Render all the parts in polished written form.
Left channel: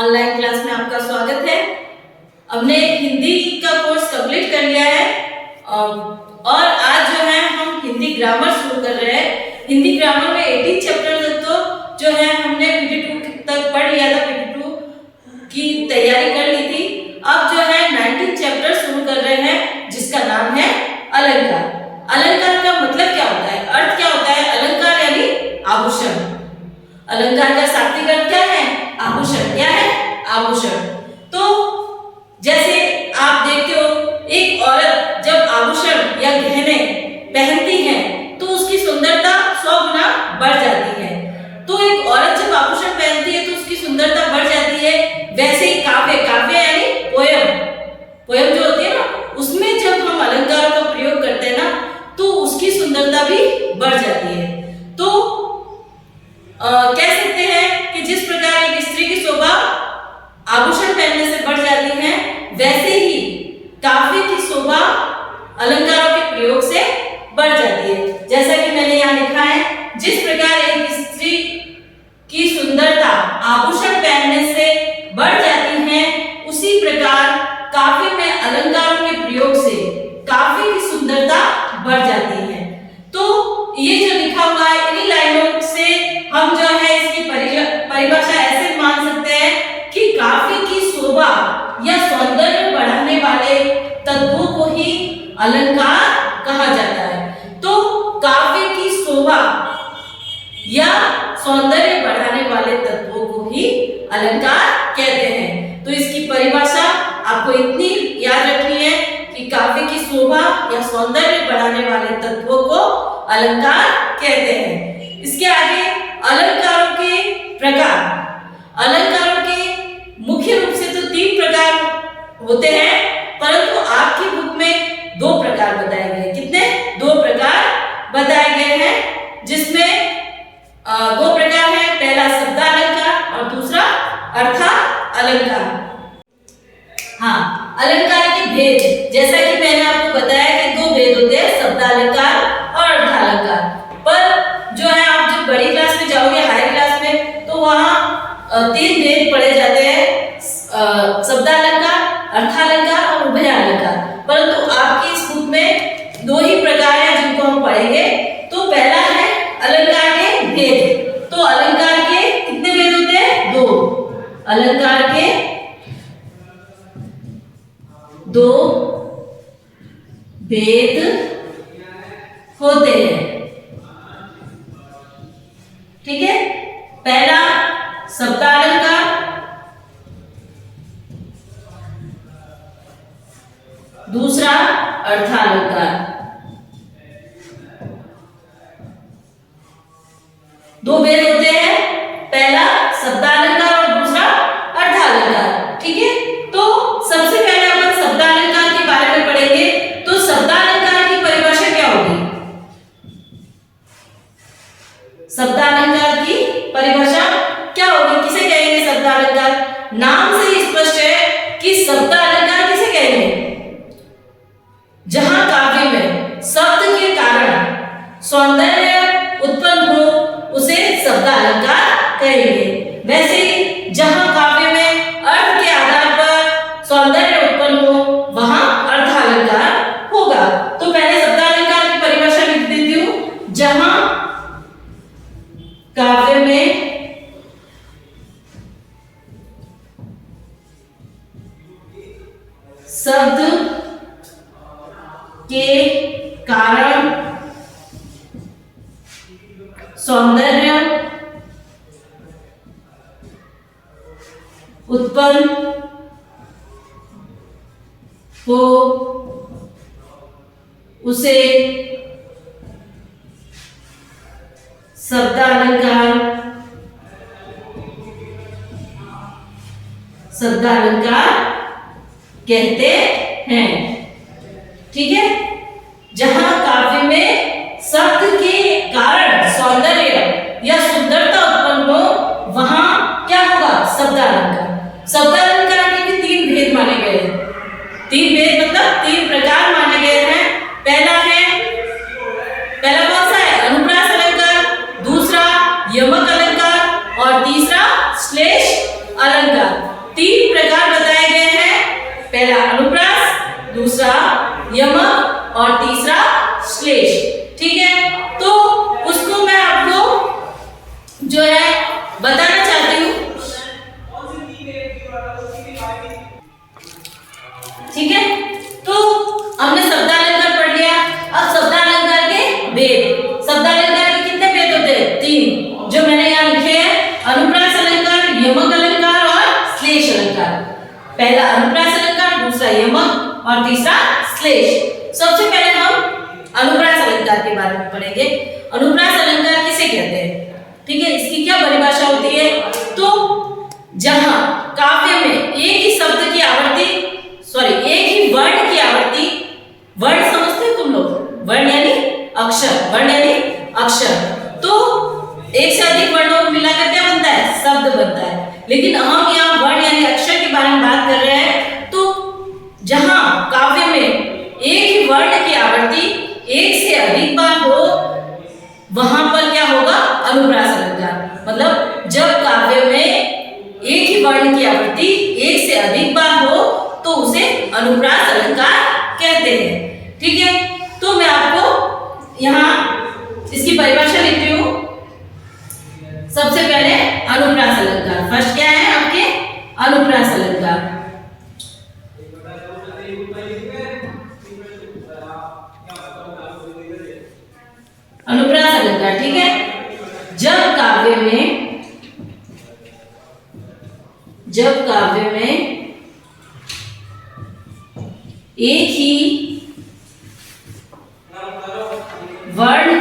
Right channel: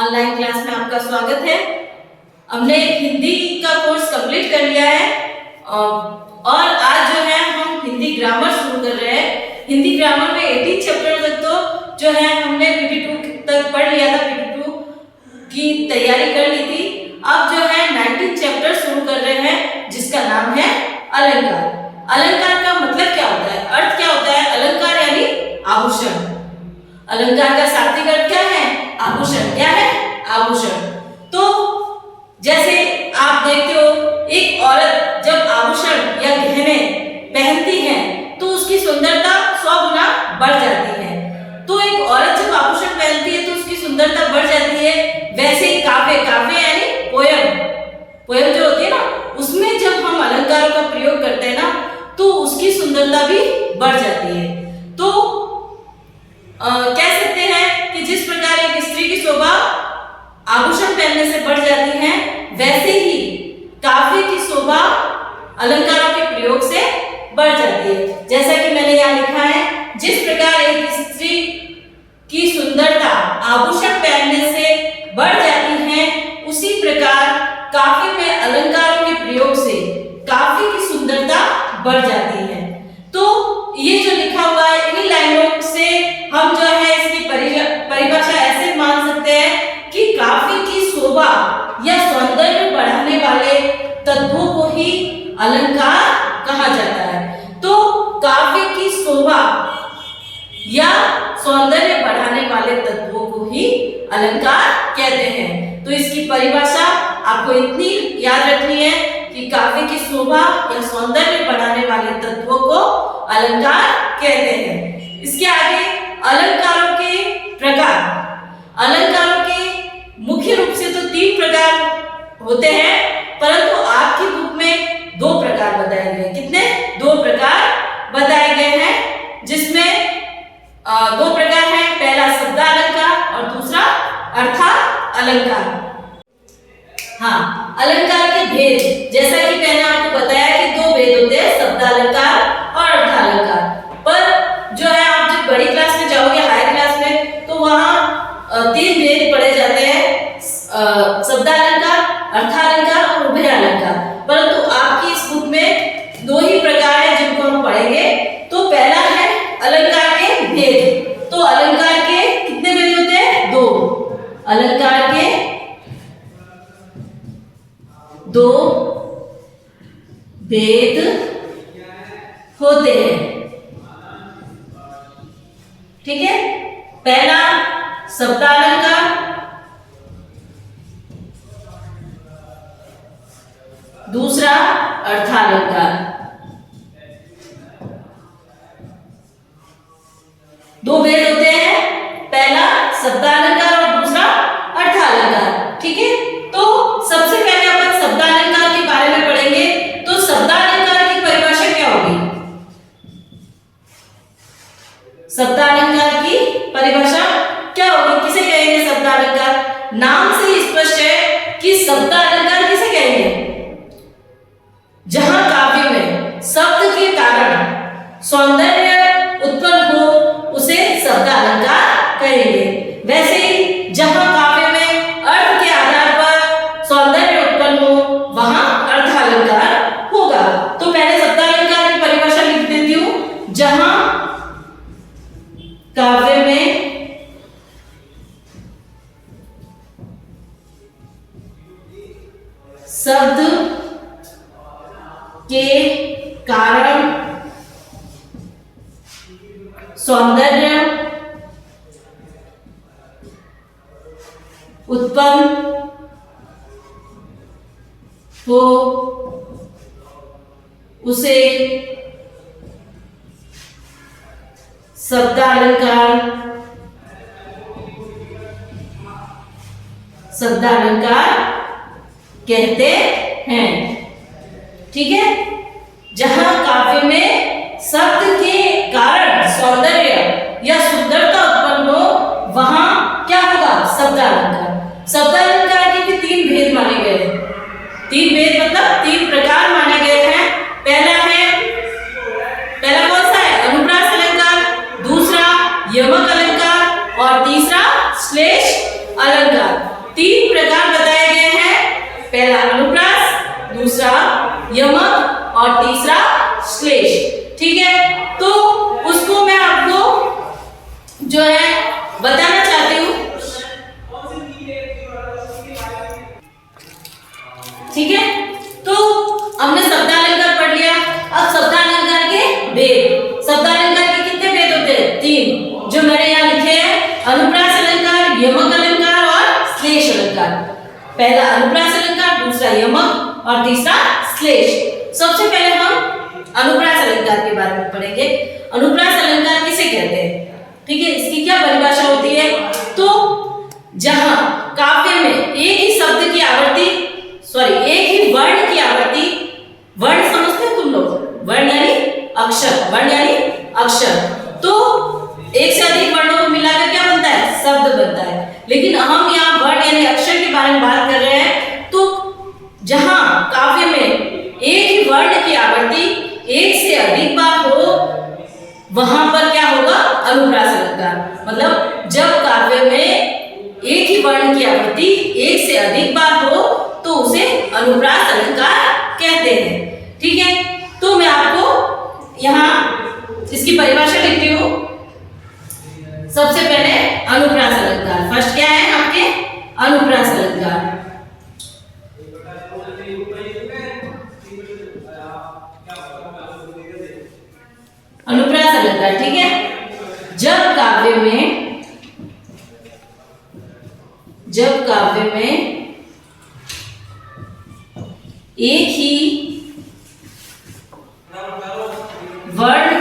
Online class में आपका स्वागत है। हमने हिंदी का कोर्स कंप्लीट कर लिया है और आज जो है हम हिंदी ग्रामर शुरू कर रहे हैं। हिंदी ग्रामर में 18 चैप्टर तक तो जो है हमने PT2 तक पढ़ लिया था, PT2 की तैयारी कर ली थी। अब जो है 19 चैप्टर शुरू कर रहे हैं जिसका नाम है अलंकार। अलंकार का मतलब क्या होता है, अर्थ क्या होता है? अलंकार यानी आभूषण। अलंकार का शाब्दिक अर्थ क्या है? आभूषण। क्या है? आभूषण। तो जैसे आप देखते हो एक औरत जब आभूषण या गहने पहनती है तो उसकी सुंदरता 100 गुना बढ़ जाती है। तो एक औरत जब आभूषण पहनती है तो उसकी सुंदरता बढ़ जाती है। वैसे ही काव्य यानी पोयम जो होती है ना, उसमें जब हम अलंकारों का प्रयोग करते हैं ना तो उसकी सुंदरता भी बढ़ जाती है। तो कह सकते हैं कि जिस प्रकार एक स्त्री की शोभा आभूषण पहनने से बढ़ जाती है, वैसे ही काव्य की शोभा अलंकारों के प्रयोग से बढ़ जाती है। जैसा कि मैंने यहाँ लिखा है, जिस प्रकार एक स्त्री की सुंदरता आभूषण पहनने से बढ़ जाती है, उसी प्रकार काव्य में अलंकारों के प्रयोग से काव्य की सुंदरता बढ़ जाती है। तो ये जो लिखा हुआ है, इन लाइनों से हम जो है इसकी परिभाषा ऐसे मान सकते हैं कि काव्य की शोभा या सौंदर्य बढ़ाने वाले तत्वों को ही अलंकार कहा जाता है। तो काव्य की शोभा या सौंदर्य बढ़ाने वाले तत्वों को ही अलंकार कहते हैं। तो इसकी परिभाषा आपको इतनी याद रखनी है कि काव्य की शोभा या सौंदर्य बढ़ाने वाले तत्वों को अलंकार कहते हैं। इसके आगे अलंकारों के प्रकार। अलंकारों के मुख्य रूप से तो 3 प्रकार होते हैं, परंतु आपकी बुक में 2 प्रकार बताए गए। कितने? 2 प्रकार बताए गए हैं, जिसमें 2 प्रकार है। पहला शब्दालंकार और दूसरा अर्थालंकार। हाँ, अलंकार के भेद, जैसा कि मैंने आपको बताया कि 2 भेद होते हैं, शब्दालंकार और अर्थालंकार। पर जो है आप जब बड़ी क्लास में जाओगे, हायर क्लास में, तो वहाँ 3 भेद पढ़े जाते हैं, शब्दालंकार, अर्थालंकार और उभयालंकार। परंतु आपकी इस बुक में 2 ही प्रकार है जिनको हम पढ़ेंगे। तो पहला है अलंकार के भेद। तो अलंकार के कितने भेद होते हैं? 2। अलंकार के 2 भेद होते हैं। ठीक है? पहला शब्दालंकार, दूसरा अर्थालंकार। 2 भेद होते हैं, पहला शब्दालंकार और दूसरा अर्थालंकार। ठीक है? तो सबसे पहले अपन शब्दालंकार के बारे में पढ़ेंगे। तो शब्दालंकार की परिभाषा क्या होगी? शब्दालंकार की परिभाषा क्या होगी? किसे कहेंगे शब्दालंकार? नाम से ही स्पष्ट है कि शब्दालंकार किसे कहेंगे? जहां काव्य में शब्द के कारण सौंदर्य उत्पन्न हो उसे शब्दालंकार कहेंगे। वैसे ही जहां काव्य में अर्थ के आधार पर सौंदर्य उत्पन्न हो वहां अर्थालंकार होगा। तो पहले शब्दालंकार की परिभाषा लिख देती हूं। जहां काव्य में शब्द के कारण सौंदर्य उत्पन्न हो उसे शब्दालंकार कहते हैं। ठीक है? जहां काव्य में शब्द के कारण सौंदर्य या सुंदरता उत्पन्न हो वहां क्या होगा? शब्दालंकार। शब्दालंकार के भी 3 भेद माने गए हैं। 3 भेद मतलब 3 प्रकार माने गए हैं। पहला कौन सा है? अनुप्रास अलंकार, दूसरा यमक अलंकार और तीसरा श्लेष अलंकार। पहला अनुप्रास, दूसरा यमक और तीसरा श्लेष। ठीक है, तो उसको मैं आपको जो है बताना चाहती हूँ। ठीक है, तो हमने शब्दालंकार पढ़ लिया। अब शब्दालंकार के भेद, शब्दालंकार के कितने भेद होते हैं? 3, जो मैंने यहाँ लिखे हैं, अनुप्रास अलंकार, यमक अलंकार और श्लेष अलंकार। पहला अनुप्रास अलंकार, दूसरा यमक और तीसरा श्लेष। सबसे पहले हम अनुप्रास अलंकार के बारे में पढ़ेंगे। अनुप्रास अलंकार किसे कहते हैं? ठीक है, इसकी क्या परिभाषा होती है? तो जहां काव्य में एक ही शब्द की आवर्ती, एक ही वर्ण की आवर्ती, वर्ण समझते हो तुम लोग? वर्ण यानी अक्षर, वर्ण यानी अक्षर। तो एक से अधिक वर्णों को मिलाकर क्या बनता है? शब्द बनता है। लेकिन हम यहाँ वर्ण यानी अक्षर के बारे में बात कर रहे हैं। तो जहां काव्य में एक ही वर्ण की आवर्ती एक से अधिक बार हो, वहां पर क्या होगा? अनुप्रास अलंकार। मतलब जब काव्य में एक ही वर्ण की आवृत्ति एक से अधिक बार हो तो उसे अनुप्रास अलंकार कहते हैं। ठीक है, तो मैं आपको यहाँ इसकी परिभाषा लिखती हूँ। सबसे पहले अनुप्रास अलंकार, फर्स्ट क्या है आपके? अनुप्रास अलंकार। अनुप्रास अलंकार, ठीक है, जब काव्य में एक ही वर्ण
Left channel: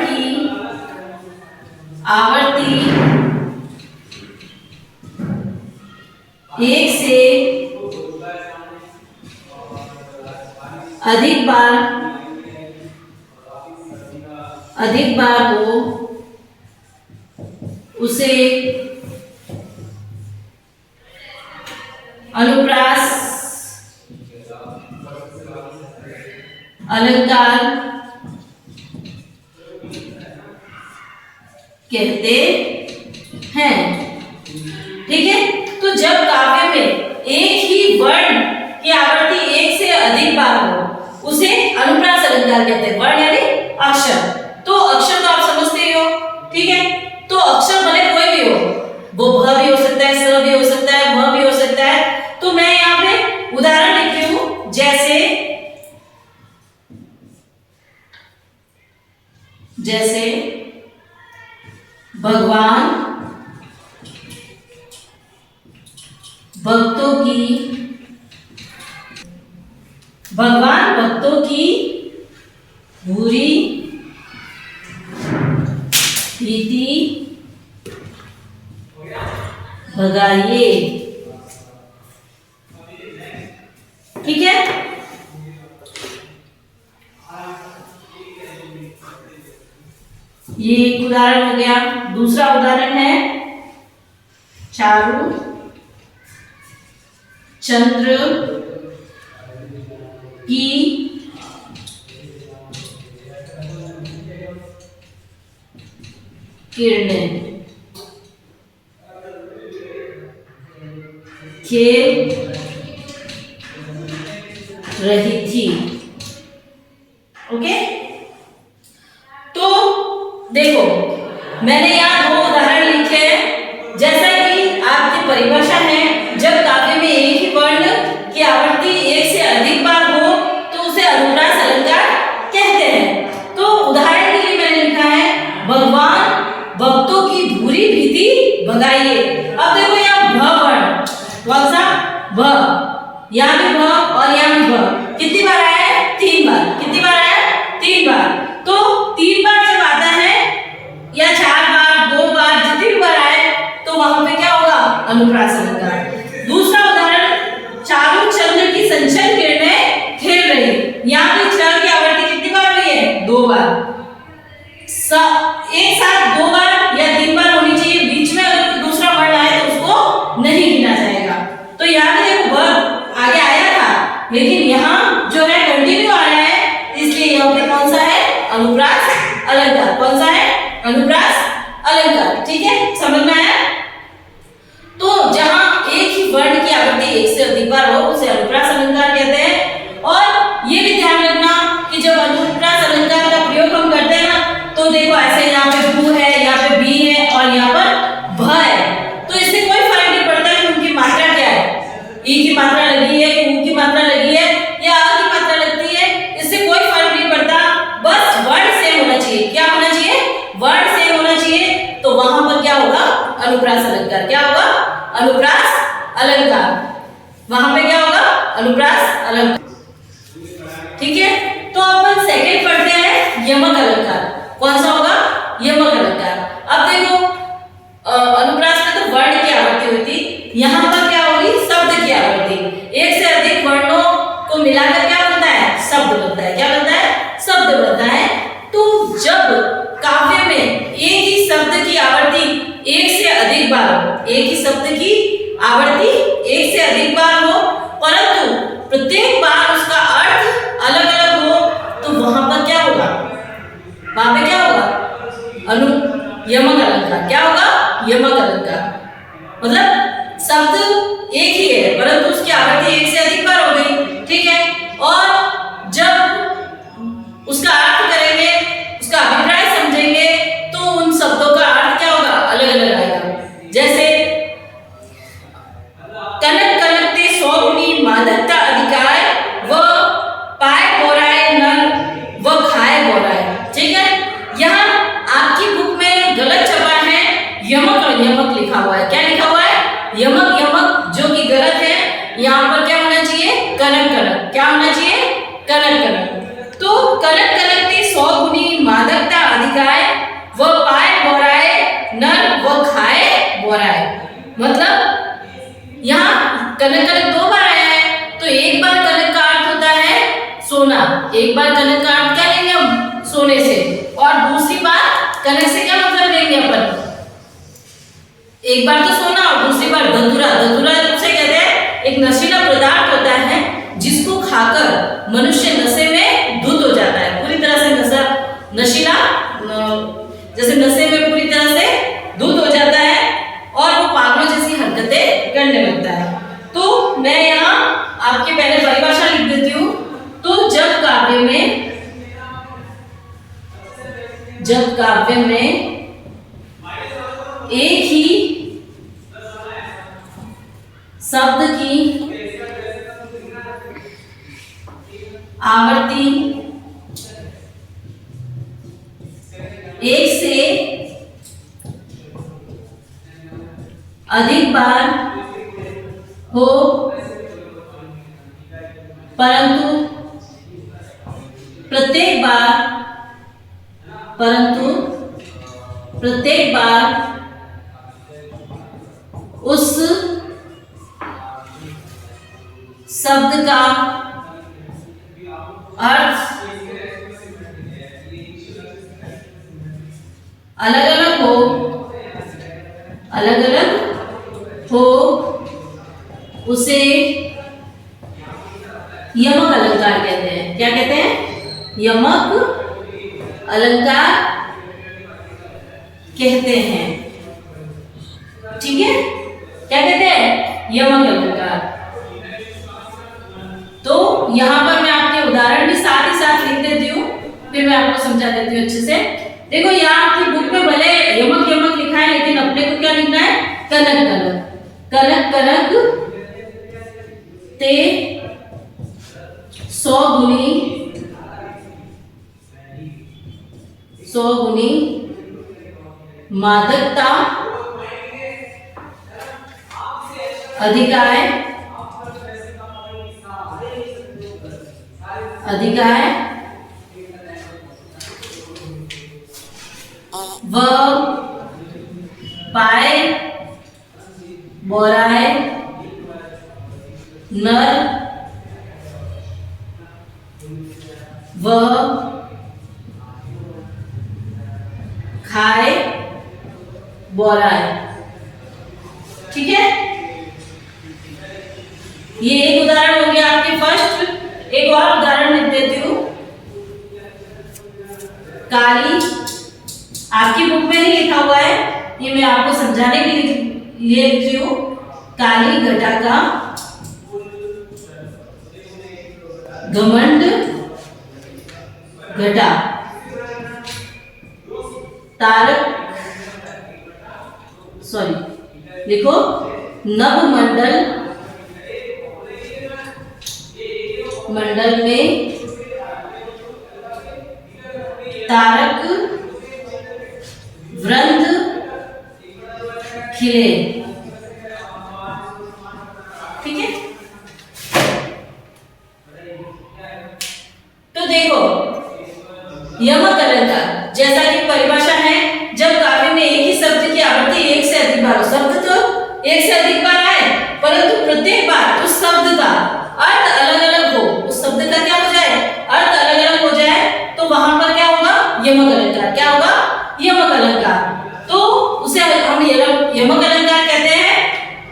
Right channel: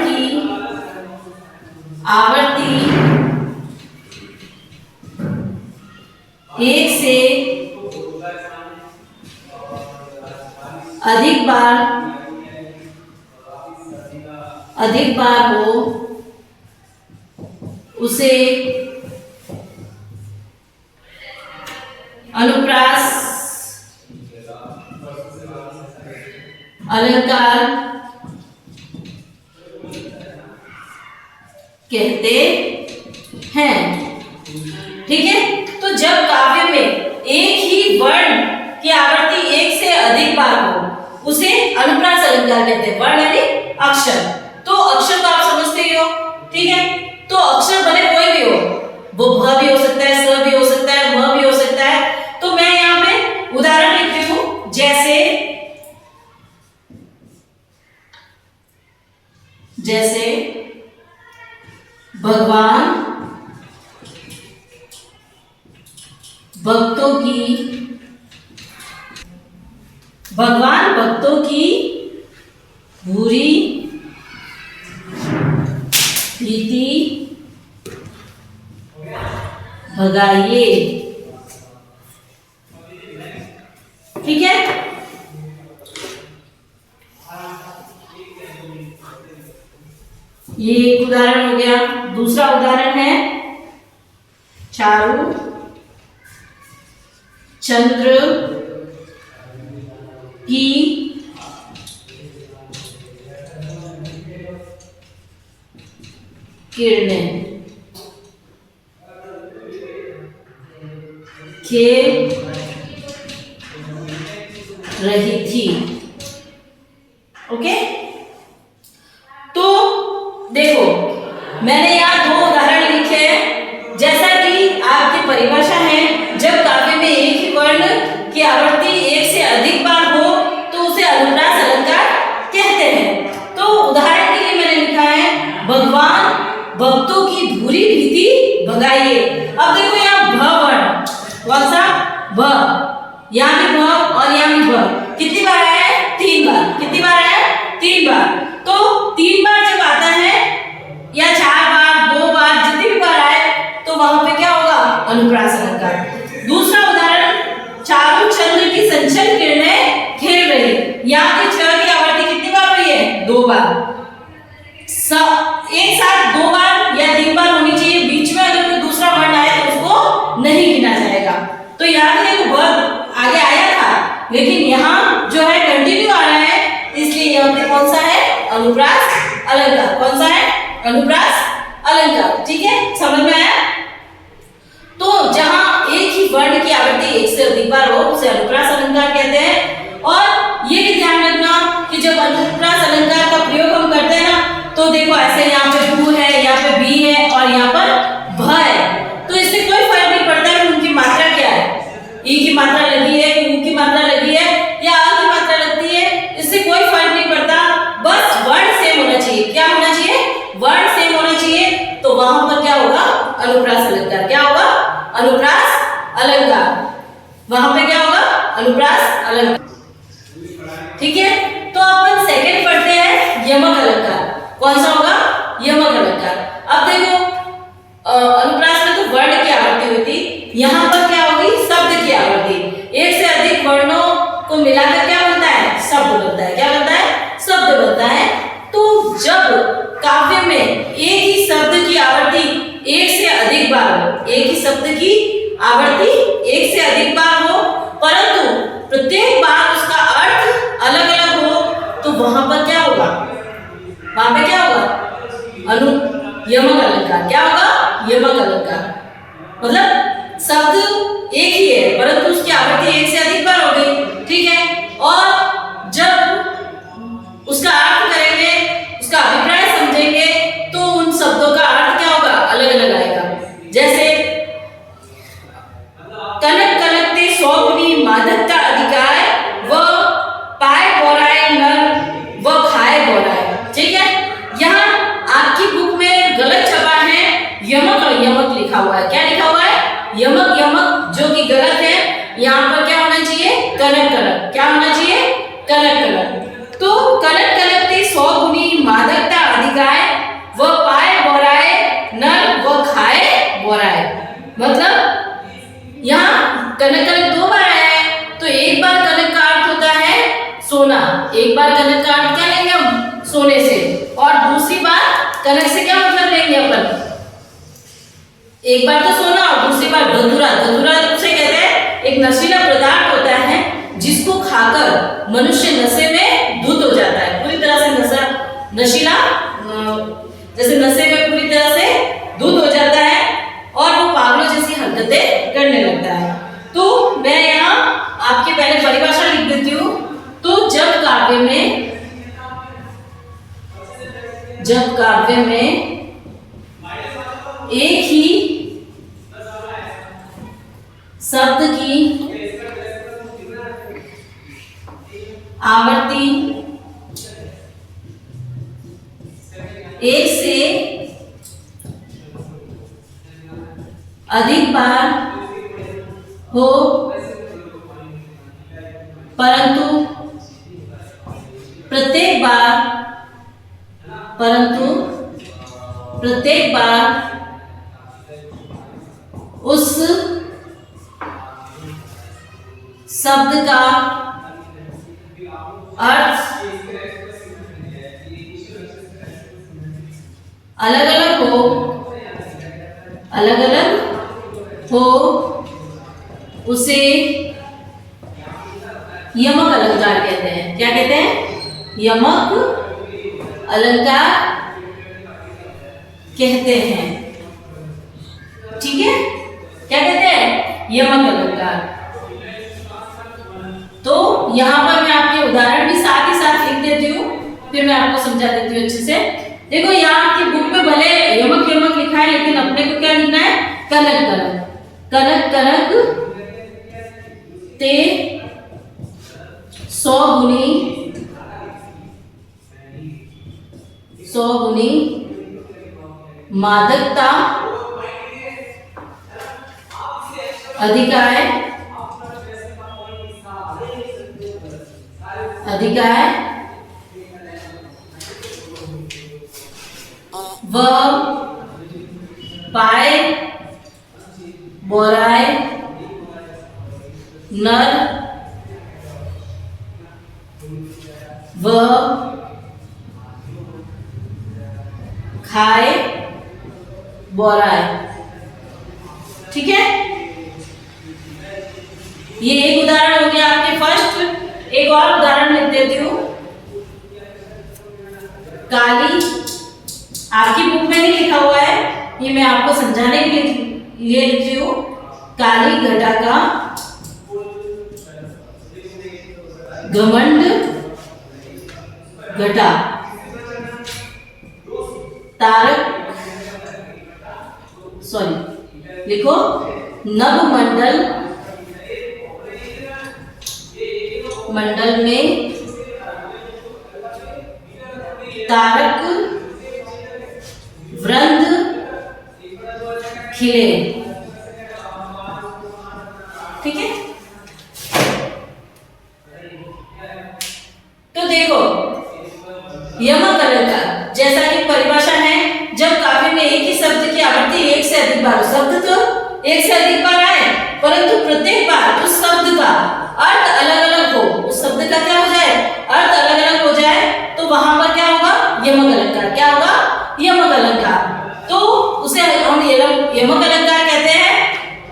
की आवर्ती एक से अधिक बार हो, उसे अनुप्रास अलंकार कहते हैं। ठीक है, तो जब काव्य में एक ही वर्ण की आवृत्ति एक से अधिक बार हो, उसे अनुप्रास अलंकार कहते हैं। वर्ण यानी अक्षर। तो अक्षर तो आप समझते ही हो। ठीक है, तो अक्षर भले कोई भी हो, वो भ भी हो सकता है, स भी हो सकता है, भ भी हो सकता है। तो मैं यहाँ पे उदाहरण लिखती हूँ, जैसे भगवान भक्तों की बुरी प्रीति भगाइए। ठीक है, ये एक उदाहरण हो गया। दूसरा उदाहरण है चारु चंद्र की किरणें खेल रही थी। ओके, तो देखो मैंने यहाँ 2 उदाहरण लिखे हैं। जैसा कि आपकी परिभाषा है, जब काव्य में एक ही वर्ण की आवर्ती एक से अधिक बार हो तो उसे अनुप्रास अलंकार कहते हैं। तो उदाहरण के लिए मैंने लिखा है, भगवान भक्तों की बुरी भीति भगाइए। अब देखो यहाँ भ वर्ण, कौन सा? भ। यहाँ भी भ और यहाँ भी भ। कितनी बार आया है? 3 बार। कितनी बार आया है? 3 बार। तो 3 बार जब आता है या 4 बार, 2 बार, जितनी भी बार आए तो वहां पे क्या होगा? अनुप्रास अलंकार। दूसरा उदाहरण, चारु चंद्र की संचल किरणें खेल रही। यहाँ पे छ की आवर्ती कितनी बार हुई है? 2 बार। एक साथ 2 बार या 3 बार होनी चाहिए। बीच में अगर कोई दूसरा वर्ण आए तो उसको नहीं गिना जाएगा। तो यहाँ पे देखो वर्ब आगे आया था, लेकिन यहाँ जो है कंटिन्यू आ रहा है, इसलिए यहाँ पे कौन सा है? अनुप्रास अलंकार। कौन सा है? अनुप्रास अलंकार। ठीक है, समझ में आया? तो जहां एक ही वर्ण की आवृत्ति एक से अधिक अधिक बार हो उसे अनुप्रास अलंकार कहते हैं। और ये भी ध्यान रखना कि जब अनुप्रास अलंकार का प्रयोग हम करते हैं ना, तो देखो ऐसे यहाँ पे भू है, यहाँ पे भी है और यहाँ पर भ है, तो इससे कोई फर्क नहीं पड़ता कि उनकी मात्रा क्या है, ई की मात्रा लगी है कि ऊ की मात्रा लगी है या आ की मात्रा लगती है, इससे कोई फर्क नहीं पड़ता, बस वर्ण सेम होना चाहिए। क्या होना चाहिए? वर्ण सेम होना चाहिए। तो वहां पर क्या होगा? अनुप्रास अलंकार। क्या होगा? अनुप्रास अलंकार। वहां पे क्या होगा? अनुप्रास अलंकार। ठीक है, तो अपन सेकंड पढ़ते हैं यमक अलंकार। कौन सा होगा? यमक अलंकार। अब देखो अनुप्रास में तो वर्ण की आवृत्ति होती, यहाँ पर क्या होगी? शब्द की आवृत्ति। एक से अधिक वर्णों को मिलाकर क्या बनता है? शब्द बनता है। क्या बनता है? शब्द बनता है। तो जब काव्य में एक ही शब्द की आवृत्ति एक से अधिक बार हो, एक ही शब्द की आवृत्ति एक से अधिक बार हो, परंतु प्रत्येक बार उसका अर्थ अलग अलग हो, तो वहां पर क्या होगा? वहां पे क्या होगा? यमक अलंकार। क्या होगा? यमक अलंकार। मतलब शब्द एक ही है परंतु उसकी आवृत्ति एक से अधिक बार हो गई। ठीक है, और जब उसका अर्थ करेंगे, उसका अभिप्राय समझेंगे, तो उन शब्दों का अर्थ क्या होगा? अलग अलग आएगा। जैसे कनक कनकते 100 गुनी मादकता अधिकाय, व पाए बोराए नर व खाए बोराए। ठीक है, यहाँ आपकी बुक में गलत छपा है, यमक और यमक लिखा हुआ है। क्या लिखा हुआ है? यमक यमक, जो कि गलत है। यहाँ पर क्या होना चाहिए? कनक कनक। क्या होना चाहिए? कनक कनक। तो कनक कनकते 100 गुनी मादकता अधिकाय, व पाए बोराए नर व खाए बोराए। मतलब यहाँ कनक कनक 2 बार आया है, तो एक बार कनक का अर्थ होता है सोना, एक बार कनक का अर्थ क्या लेंगे हम? सोने से, और दूसरी बार कनक से क्या मतलब लेंगे अपन? एक बार तो सोना और दूसरी बार धतूरा। धतूरा उसे कहते हैं, एक नशीला पदार्थ होता है जिसको खाकर मनुष्य नशे में धुत हो जाता है, पूरी तरह से नशा, नशीला, जैसे नशे में पूरी तरह से धुत हो जाता है और वो पागलों जैसी हरकतें करने लगता है। तो मैं यहाँ आपके पहले परिभाषा लिख देती हूँ। तो जब काव्य में एक ही शब्द की आवृत्ति एक से अधिक बार हो, परंतु प्रत्येक बार उस शब्द का अर्थ अलग अलग हो, उसे यमक अलंकार कहते हैं। क्या कहते हैं? यमक अलंकार कहते हैं। ठीक है, क्या कहते हैं? यमक अलंकार। तो यहाँ पर मैं आपके उदाहरण भी साथ ही साथ लिख देती हूँ, फिर मैं आपको समझा देती हूँ अच्छे से। देखो यहाँ आपकी बुक में भले यमक यमक लिखा है, लेकिन अपने को क्या लिखना है? कनक कनक। कनक कनक ते 100 गुनी मादकता अधिकाय व पाए बोराए नर व खाए बोराए। ठीक है, ये एक उदाहरण हो गया आपके फर्स्ट। एक और उदाहरण लिख देती हूँ। काली, आपकी बुक में नहीं लिखा हुआ है, ये मैं आपको समझाने के लिए लिख रही हूँ। काली घटा का घमंड घटा, लिखो नभमंडल में तारक वृंद खिले। ठीक है, तो देखो यमक अलंकार जैसा कि परिभाषा है, जब काव्य में एक ही शब्द की आवृत्ति एक से अधिक बार, शब्द तो एक से अधिक बार आए परंतु प्रत्येक बार उस शब्द का अर्थ अलग अलग हो, उस शब्द का क्या हो जाए, अर्थ अलग अलग हो जाए, तो वहां पर क्या होगा, यमक अलंकार। क्या होगा, यमक अलंकार। तो उसे हम यमक अलंकार कहते हैं।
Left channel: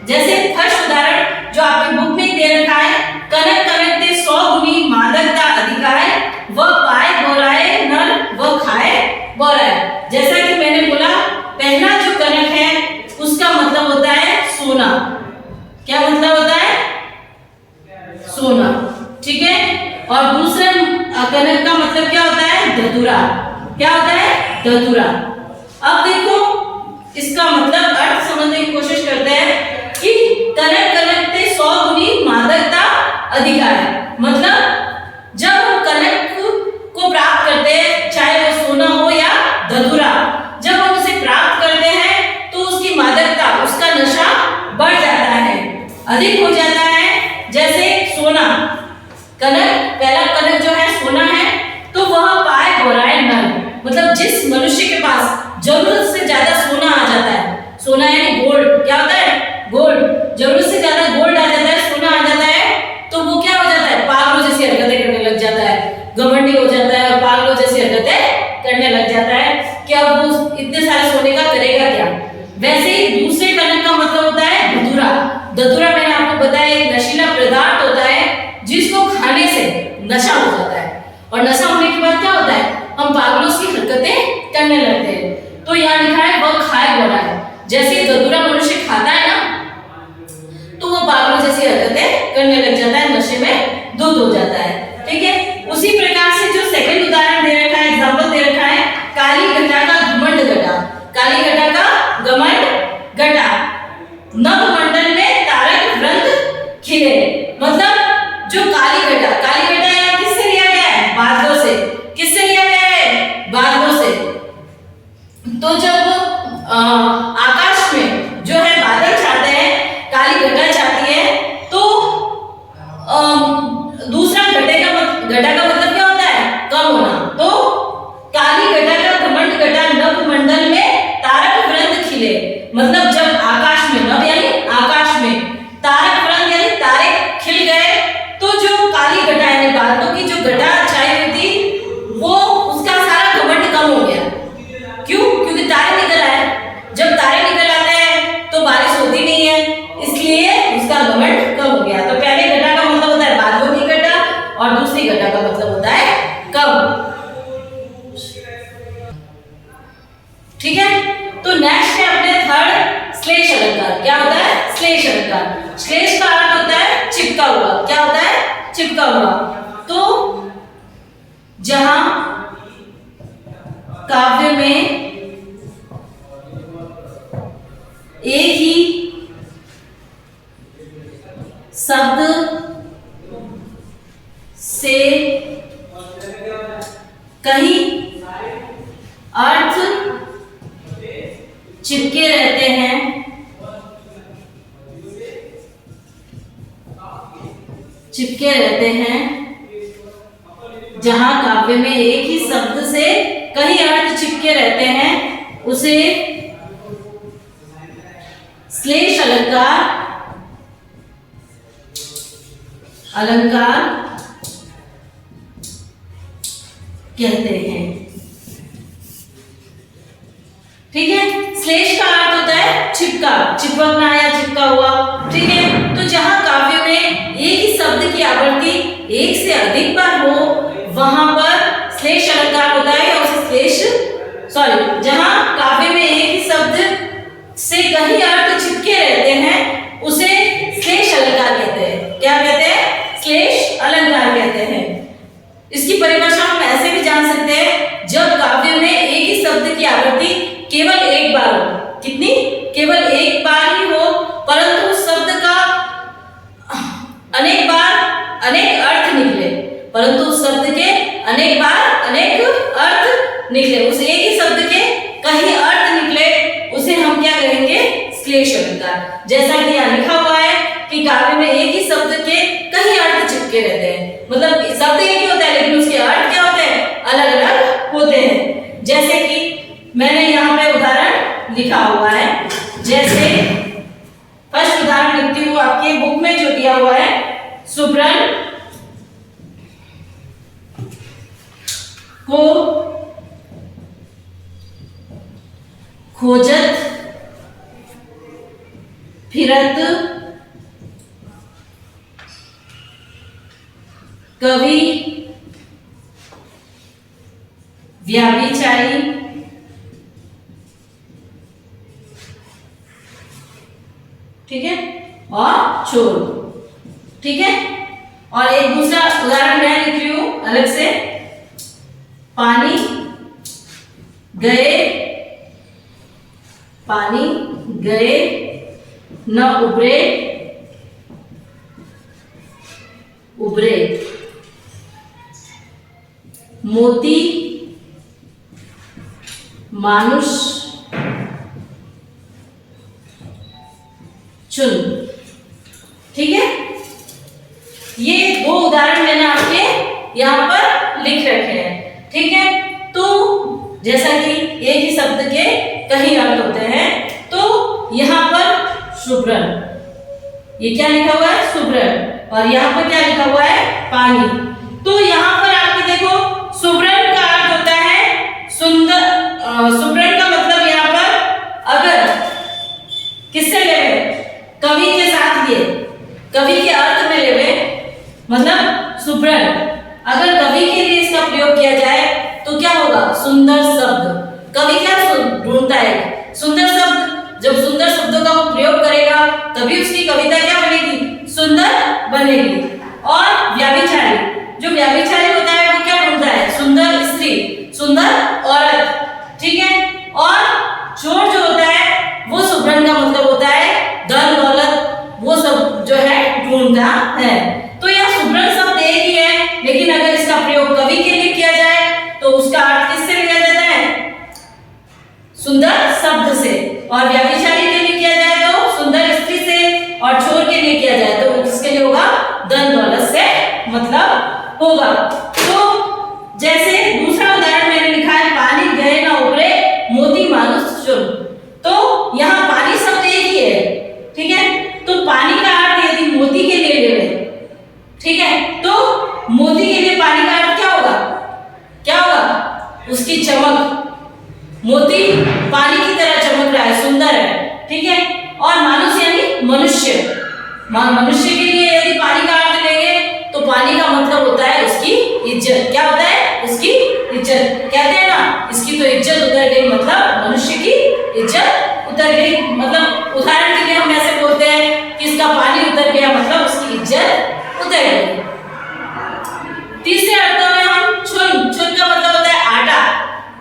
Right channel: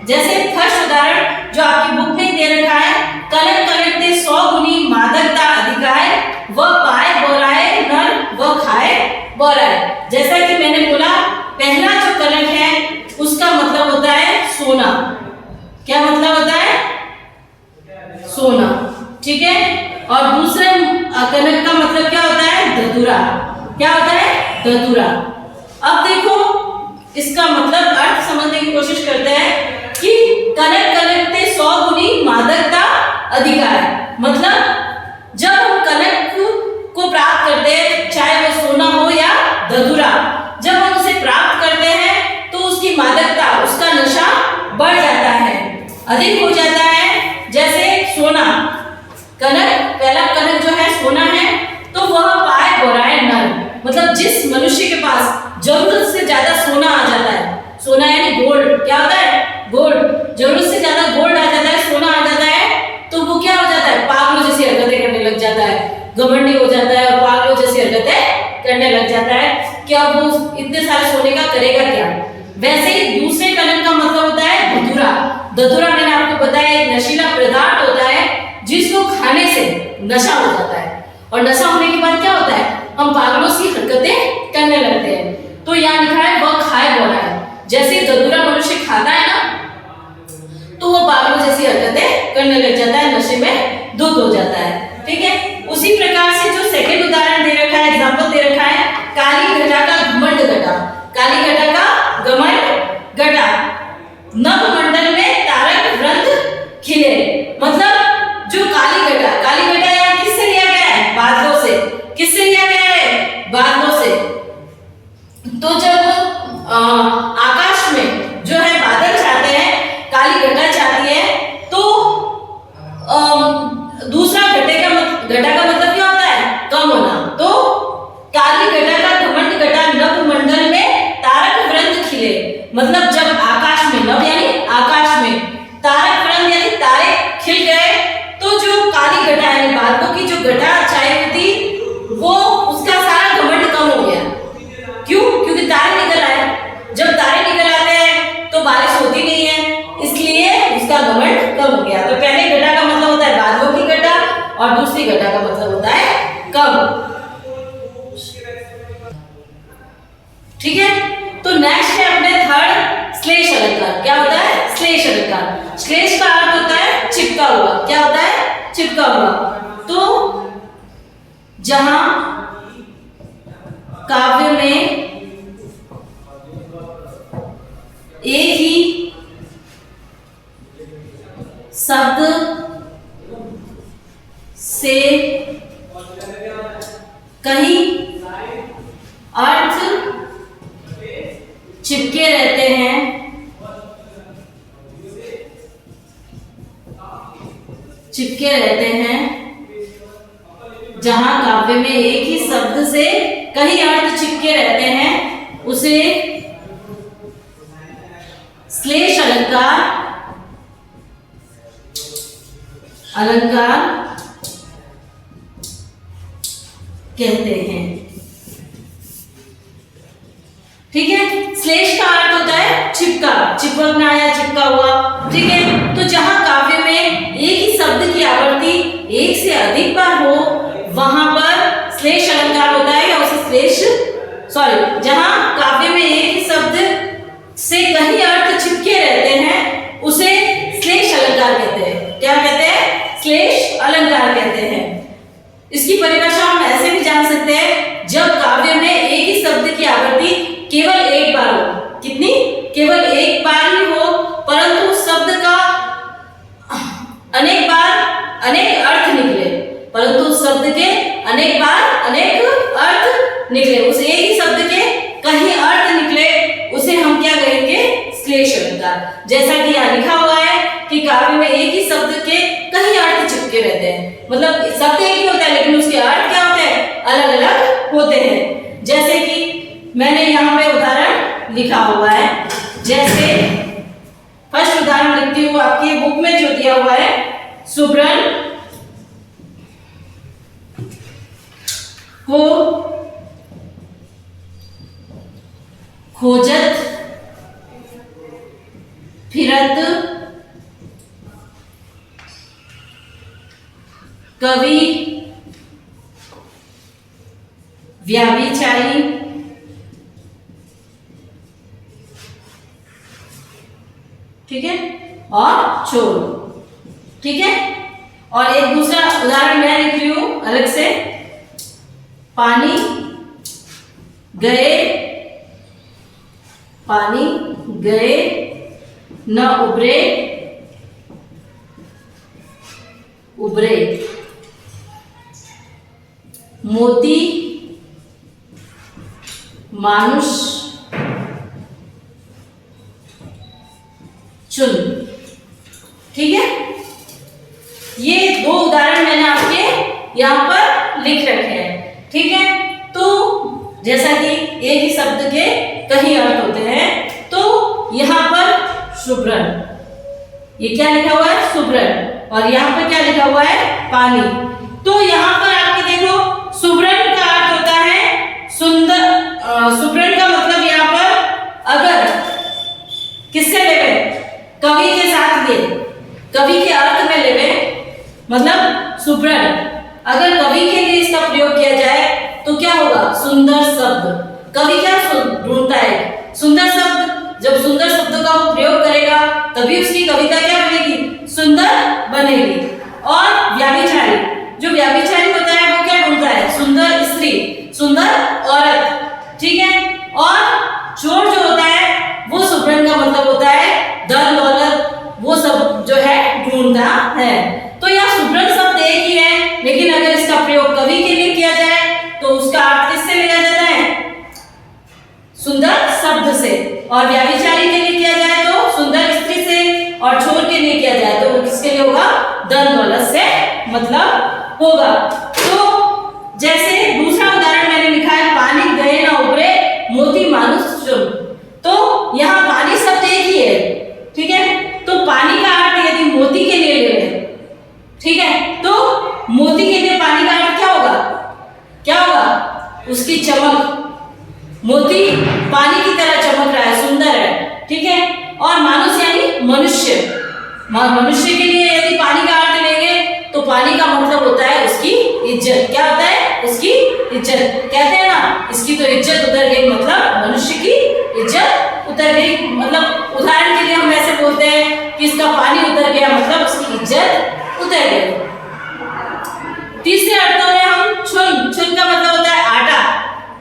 जैसे फर्स्ट उदाहरण जो आपकी बुक में दे रखा है, कनक कनक ते 100 गुनी मादकता अधिकाय, वह पाए बोराए नर वह खाए बोराए। जैसा कि मैंने बोला, पहला जो कनक है उसका मतलब होता है सोना। क्या मतलब होता है, सोना। ठीक है, और दूसरे कनक का मतलब क्या होता है, धतूरा। क्या होता है, धतूरा। अब देखो इसका मतलब अर्थ समझने की कोशिश करते हैं कि कनक कनक ते 100 गुनी मादकता अधिकार, मतलब जब हम कनक को प्राप्त करते हैं, चाहे वो सोना हो या धतूरा, जब हम उसे प्राप्त करते हैं तो उसकी मादकता, उसका नशा बढ़ जाता है, अधिक हो जाता है। जैसे सोना, कनक, पहला कनक जो है सोना है, तो वह पाए बोराए नर, मतलब जिस मनुष्य के पास जरूरत से ज्यादा सोना आ जाता है, सोना यानी गोल्ड, क्या होता है, गोल्ड, जरूरत से ज्यादा गोल्ड आ जाता है, सोना आ जाता है, तो वो क्या हो जाता है, पागलों जैसी हरकतें करने लग जाता है, घमंडी हो जाता है और पागलों जैसी हरकतें करने लग जाता है कि अब वो इतने सारे सोने का करेगा क्या। वैसे ही दूसरे कनक का मतलब होता है धतूरा। धतूरा मैंने आपको बताया एक नशीला पदार्थ होता है जिसको खाने से नशा हो जाता है, और नशा होने के बाद क्या होता है, हम पागलों सी हरकतें करने लगते हैं। तो यहाँ लिखा है वह खाए बोरा है। जैसे धतूरा मनुष्य खाता है ना, तो वो पागलों जैसी हरकतें करने लग जाता है, नशे में धुत हो जाता है। ठीक है, उसी प्रकार से जो सेकंड उदाहरण दे रखा है, एग्जांपल दे रखा है, काली घटा का घमंड घटा। काली घटा का घमंड घटा, नभमंडल में तारक वृंद खिले, मतलब जो काली घटा यहाँ किससे लिया गया है, बादलों से। किससे लिया गया है, बादलों से। तो जब आकाश में जो है बादल छाते हैं, काली घटा छाती है, तो दूसरा घटा का मतलब क्या होता है, कम होना। तो काली घटा का घमंड घटा, नभमंडल में तारक वृंद खिले, मतलब जब आकाश में, नभ यानी आकाश में, तारक वृंद यानी तारे खिल गए, तो जो काली घटा यानी बादलों की जो घटा छाई हुई थी, वो उसका सारा घमंड कम हो गया। क्यों, क्योंकि तारे निकल आए। जब तारे निकल आते हैं तो बारिश होती नहीं है, इसलिए उसका घमंड कम हो गया। तो पहले घटा का मतलब होता है बादलों की घटा, और दूसरी घटा का मतलब होता है कम। ठीक है, तो नेक्स्ट है अपने थर्ड श्लेष अलंकार। क्या होता है, श्लेष अलंकार। श्लेष का अर्थ होता है चिपका हुआ। क्या होता है, चिपका हुआ। तो जहां काव्य में एक ही शब्द से कहीं अर्थ चिपके रहते हैं, जहां काव्य में एक ही शब्द से कई अर्थ चिपके रहते हैं, उसे श्लेष अलंकार कहते हैं। ठीक है, श्लेष का अर्थ होता है चिपका, चिपकना या चिपका हुआ। ठीक है, तो जहां काव्य में एक ही शब्द की आवृत्ति एक से अधिक बार हो, वहां पर श्लेष अलंकार होता है, या उसे जहां काव्य में एक ही शब्द से कई अर्थ चिपके रहते हैं, उसे श्लेष अलंकार कहते हैं। क्या कहते हैं, श्लेष अलंकार कहते हैं। अनेक अर्थ निकले, परंतु उस शब्द के अनेक बार अनेक अर्थ निकले, उस एक ही शब्द के कई अर्थ निकले, उसे हम क्या कहेंगे? श्लेष अलंकार। जैसा कि यहाँ लिखा हुआ है कि काव्य में एक ही शब्द के कई अर्थ चिपके रहते हैं, मतलब शब्द एक ही होता है लेकिन उसके अर्थ क्या होते हैं? अलग अलग होते हैं। जैसे कि मैंने यहाँ पे उदाहरण लिखा हुआ है, जैसे फर्स्ट उदाहरण लिखती हूँ, आपके बुक में जो दिया हुआ है, सुब्रन को खोजत फिरत कवि व्याभिचारी ठीक है और चोर। ठीक है, और एक दूसरा उदाहरण मैं लिख रही हूं अलग से, पानी गए न उबरे मोती मानुष चुन। ठीक है, ये दो उदाहरण मैंने आपके यहाँ पर लिख रखे हैं। ठीक है, तो जैसा कि एक ही शब्द के कई अर्थ होते हैं, तो यहाँ पर सुब्रन, ये क्या लिखा हुआ है? सुब्रन, और यहाँ पर क्या लिखा हुआ है? पानी। तो यहाँ पर आपके देखो, सुब्रन का अर्थ होता है सुंदर। सुब्रन का मतलब यहाँ पर अगर किससे लेवे? कवि के साथ, ये कवि के अर्थ में लेवे, मतलब सुब्रन अगर कवि के लिए इसका प्रयोग किया जाए तो क्या होगा? सुंदर शब्द। कवि क्या ढूंढता है? सुंदर शब्द। जब सुंदर शब्दों का वो प्रयोग करेगा तभी उसकी कविता क्या बनेगी? सुंदर बनेगी। और व्याभिचारी, जो व्याभिचारी होता है वो क्या ढूंढता है? सुंदर स्त्री, सुंदर औरत। ठीक है, और चोर जो होता है वो सुब्रन का मतलब होता है धन दौलत, वो सब जो है ढूंढता है। तो यहाँ सुब्रन शब्द एक ही है, लेकिन अगर इसका प्रयोग कवि के लिए किया जाए तो उसका अर्थ किससे लिया जाता है? सुंदर शब्द से। और व्याभिचारी के लिए किया जाए तो सुंदर स्त्री से, और चोर के लिए किया जाए तो वो किसके लिए होगा? धन दौलत से मतलब होगा। तो जैसे दूसरा उदाहरण मैंने लिखा है, पानी गए ना उबरे मोती मानुष चुन। तो यहाँ पानी शब्द एक ही है। ठीक है, तो पानी का अर्थ यदि मोती के लिए ले लें, ठीक है, तो मोती के लिए पानी का अर्थ क्या होगा? क्या होगा? उसकी चमक। मोती पानी की तरह चमक रहा है, सुंदर है। ठीक है, और मानुष यानी मनुष्य। मनुष्य के लिए यदि पानी का अर्थ लेंगे तो पानी का मतलब होता है उसकी इज्जत। क्या होता है? उसकी इज्जत। कहते हैं ना, इसकी तो इज्जत उतर गई, मतलब मनुष्य की इज्जत उतर गई। मतलब उदाहरण के लिए हम ऐसे बोलते हैं कि इसका पानी उतर गया, मतलब उसकी इज्जत उतर गई। तीसरे अर्थों में हम चुन का मतलब होता है आटा।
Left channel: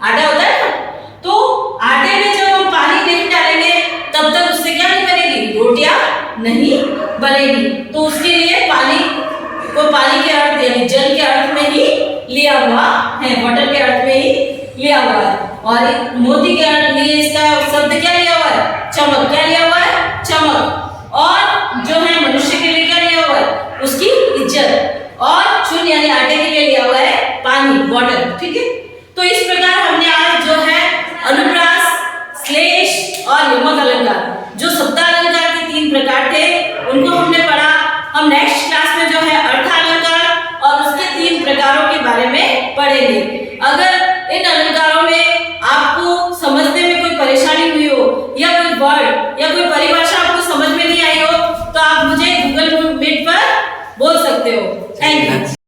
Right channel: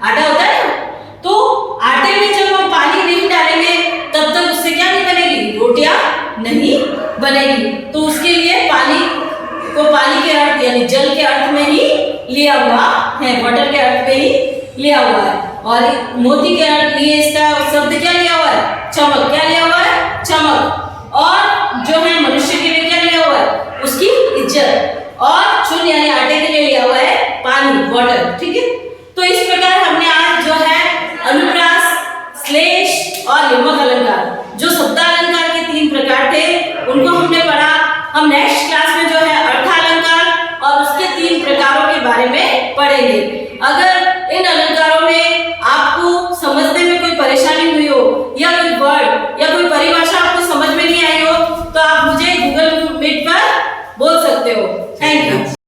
आटा होता है ना, तो आटे में जब हम पानी नहीं डालेंगे तब तक उससे क्या नहीं बनेगी? रोटियां नहीं बनेगी। तो उसके लिए पानी को पानी के अर्थ यानी जल के अर्थ में ही लिया हुआ है, वाटर के अर्थ में ही लिया हुआ है। और मोती के अर्थ लिए इसका शब्द क्या लिया हुआ है? चमक। क्या लिया हुआ है? चमक। और जो है मनुष्य के लिए क्या लिया हुआ है? उसकी इज्जत। और चुन यानी आटे के लिए लिया हुआ है पानी, वाटर। ठीक है, तो इस प्रकार हमने आज जो है अनुप्रास, श्लेष और यमक अलंकार, जो शब्दालंकार के 3 प्रकार थे, उनको हमने पढ़ा। हम नेक्स्ट क्लास में जो है अर्थालंकार और उसके 3 प्रकारों के बारे में पढ़ेंगे। अगर इन अलंकार